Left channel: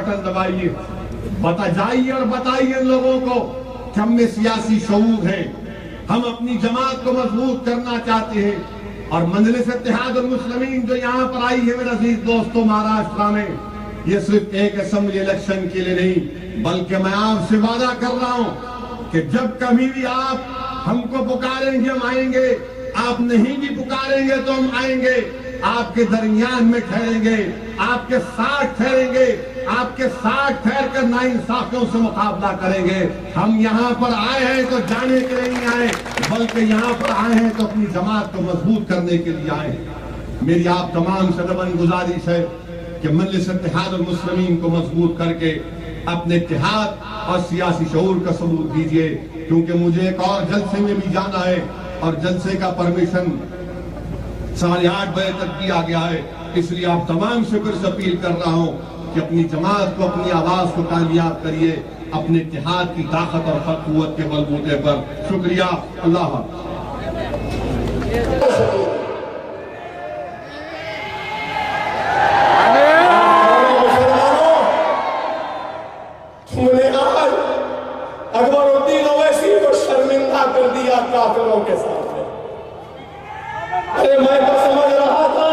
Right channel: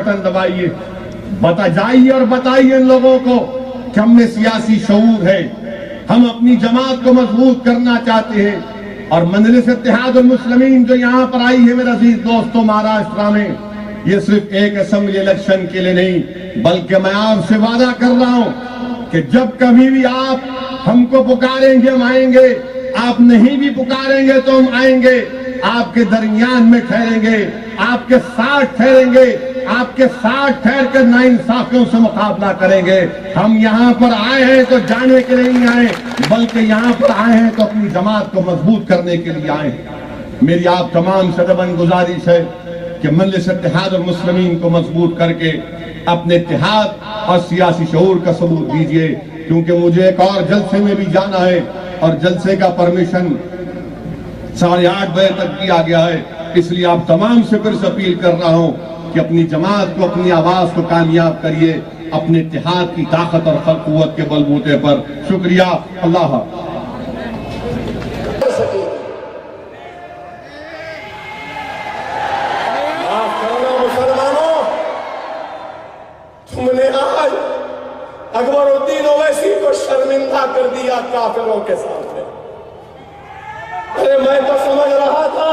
Button دبائیے، جائیے اور بتائیے ان لوگوں کو کہ ہم میں سیاسی شعور ہے، ہم اپنی جماعت کو مضبوط کرنا چاہتے ہیں۔ اور مجلس اتحاد المسلمین جو یہاں پر آئی ہے میرے عزیز دوستوں مہاراشٹرا میں، یہ صرف ایک اسمبلی الیکشن کے لیے نہیں، بلکہ میں آپ سے وعدہ کر رہا ہوں کہ جب کبھی بھی آپ ہم کو پکاریں گے ہم آئیں گے، آپ نہیں بھی پکاریں گے تو ہم آئیں گے، آپ کے درمیان میں ٹھہریں گے، آپ کے ساتھ ٹھہریں گے، آپ کے ساتھ ٹھہر کر ناانصافیوں سے مقابلہ کریں گے۔ ہم یہاں پر آئے ہیں تو جانے کے لیے نہیں آئے، بلکہ یہاں پر آئے ہیں تو اپنی جماعت کو مضبوط کرنے کے لیے آئے ہیں۔ میری آپ تمام سے ادباً گزارش ہے کہ مجلس اتحاد المسلمین کو مضبوط کر کے اپنے اتحاد اور سیاسی شعور کا ثبوت دیجیے، کیونکہ مجھے ایک اور جلسے میں بھی جانا ہے اور جلسے کا پرمیشن 8:30 بجے تک دیا گیا ہے۔ اس لیے آپ تمام سے پھر اپیل کر رہا ہوں کہ اپنی جماعت کو، اپنی آواز کو کامیاب کریے اپنے اتحاد کی طاقت اور قوت کے بلبوتے پر۔ شکریہ، اللہ حافظ۔ تم نے آج اکبر الدین اویسی کو شرمندہ کر دیا کافروں کے سامنے۔ ارے میں تو سمجھ رہا تھا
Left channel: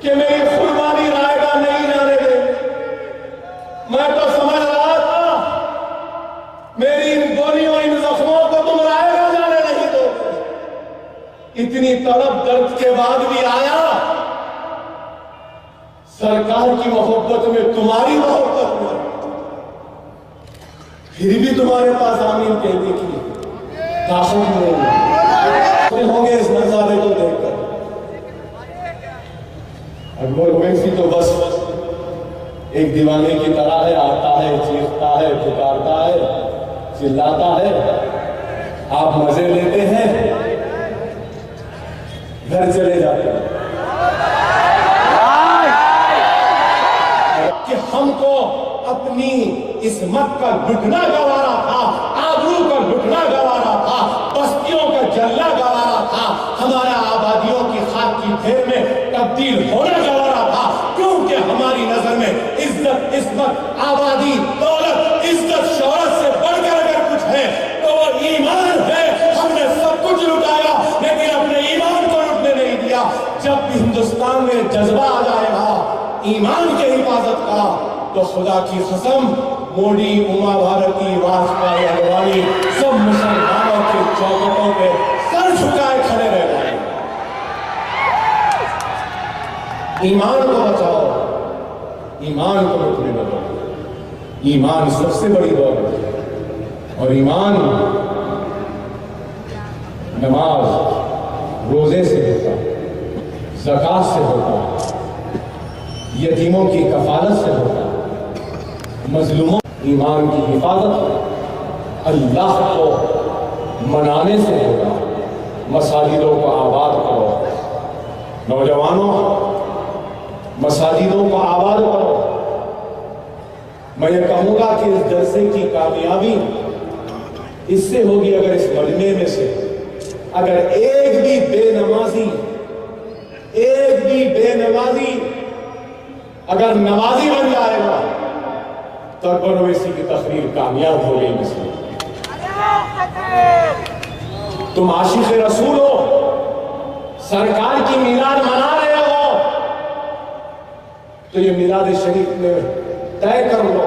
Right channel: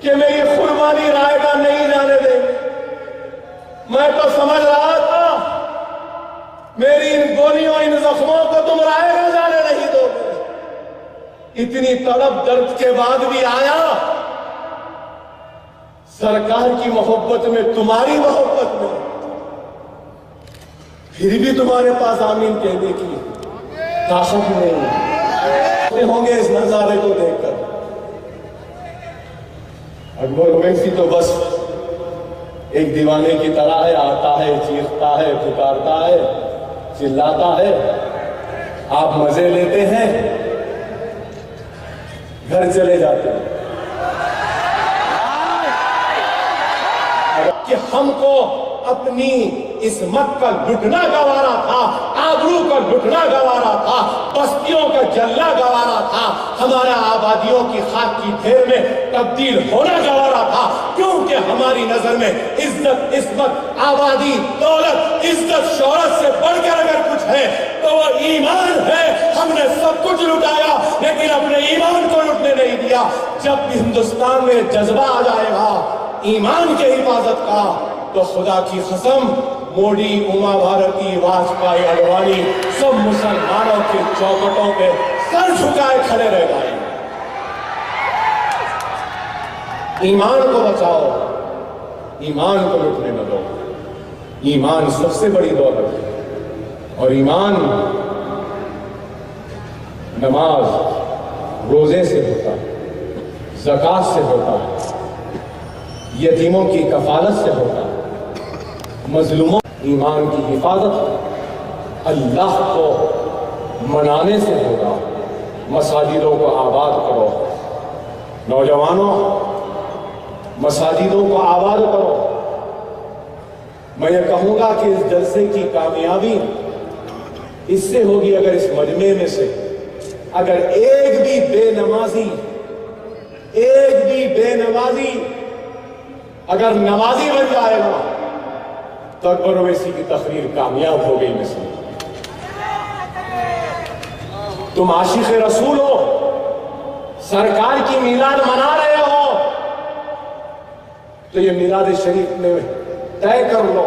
کہ میری قربانی رائے گاہ نہیں جانے دیں گے، میں تو سمجھ رہا تھا میری ان گولیوں، ان زخموں کو تم رائے گاہ جانے نہیں دو گے۔ اتنی تڑپ درد کے بعد بھی آیا، سرکار کی محبت میں، تمہاری محبت میں، پھر بھی تمہارے پاس آمین کہنے کی طاقت نہیں ہوں گے اس نظارے کو دیکھ کر۔ اکبر اویسی تو بس ایک دیوانے کی طرح ہے، آتا ہے، چیختا ہے، پکارتا ہے، چلاتا ہے، آپ مزے لیتے ہیں، گھر چلے جاتے ہیں۔ کہ ہم کو اپنی عصمت کا لٹنا گوارا تھا، آبرو کا لٹنا گوارا تھا، بستیوں کا جلنا گوارا تھا، ہمارا آبادیوں کی خاک کی ڈھیر میں تبدیل ہونا گوارا تھا، کیونکہ ہماری نظر میں عزت، عصمت، آبادی، دولت، عزت، شہرت سے بڑھ کر اگر کچھ ہے تو وہ ایمان ہے۔ ہم نے سب کچھ لٹایا لیکن اپنے ایمان کو لٹنے نہیں دیا۔ جب بھی ہندوستان میں جذبہ آ جائے گا ایمان کے حفاظت کا، تو خدا کی قسم موڈی، اما بھارتی، واجپئی، اڈوانی سب مسلمانوں کی چوکھٹوں پہ سر جھکائے کھڑے رہ جائیں گے۔ ایمان کو بچاؤ، ایمان کو لٹنے نہ دو۔ ایمان سب سے بڑی دولت ہے، اور ایمان نماز، روزے سے ہوتا ہے، زکوٰۃ سے ہوتا ہے، یتیموں کی کفالت سے ہوتا ہے، مظلوموں۔ ایمان کی حفاظت اللہ کو منانے سے ہوگا۔ مساجدوں کو آباد کرو، نوجوانوں، مساجدوں کو آباد کرو۔ میں یہ کہوں گا کہ اس جلسے کی کامیابی اس سے ہوگی اگر اس مجمع میں سے اگر ایک بھی بے نمازی اگر نمازی بن جائے گا تو اکبر اویسی کی تقریر کامیاب ہو گئی۔ مثلا تم عاشق رسول ہو، سرکار کی میلاد منا رہے ہو، تو یہ میلاد شریف میں طے کر لو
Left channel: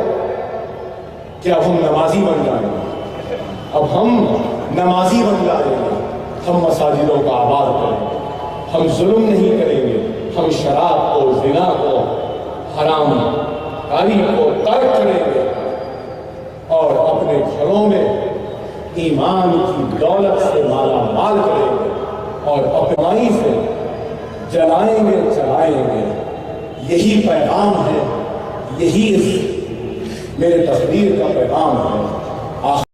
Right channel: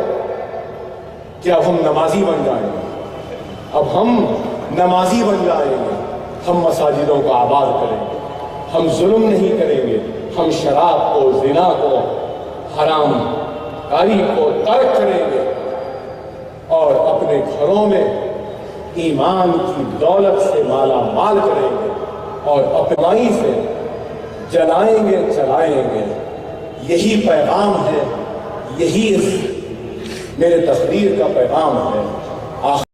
کہ اب ہم نمازی بن جائیں گے، اب ہم نمازی بن جائیں گے، ہم مساجدوں کو آباد کریں گے، ہم ظلم نہیں کریں گے، ہم شراب کو، زنا کو، حرام کاری کو ترک کریں گے، اور اپنے گھروں میں ایمان کی دولت سے مالا مال کریں گے، اور اپنائی سے جلائیں گے، چلائیں گے۔ یہی پیغام ہے، یہی میرے تقریر کا پیغام ہے۔